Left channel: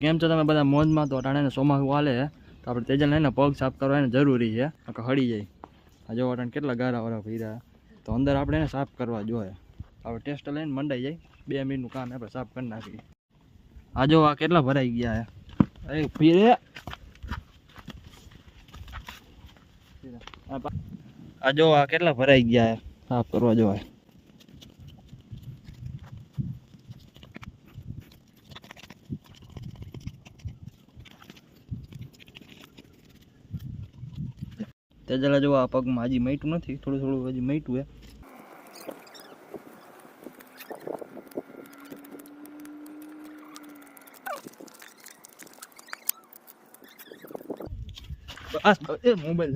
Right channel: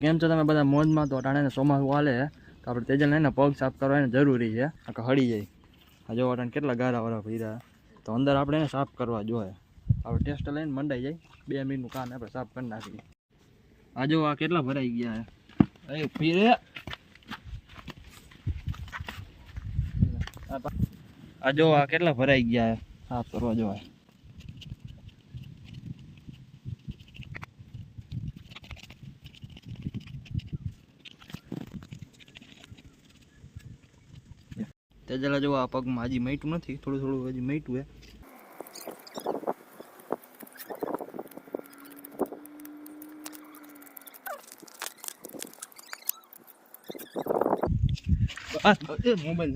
કેમ છો તમે બધા મોજમાં? તો અટાણે ચોમાસું હાલે તો આપણે તેજલને ને પગ સાફ કરવાની જરૂરી છે, નકર હળી જાય. આ જો અટાણે કેટલા ગારા વાળા ભર્યા, તો અંદર આપણે એને સાફ કરવા જોઈએ. આપણે ટેસ્ટ લઈને મંડાઈ જાય, 2 મિનિટનું કામ આપણે સાફ કરી નાખીએ. આ જો આ કેટલા ભરાઈ ગયા છે. ફીરે આ જો આ કેટલા ભરાઈ ગયા છે, સાફ કરવા જોઈએ. તેજલા જો આ પગમાં હજી મટ્યું નથી, થોડું થોડું હજી મટ્યું હે. મોબાઈલ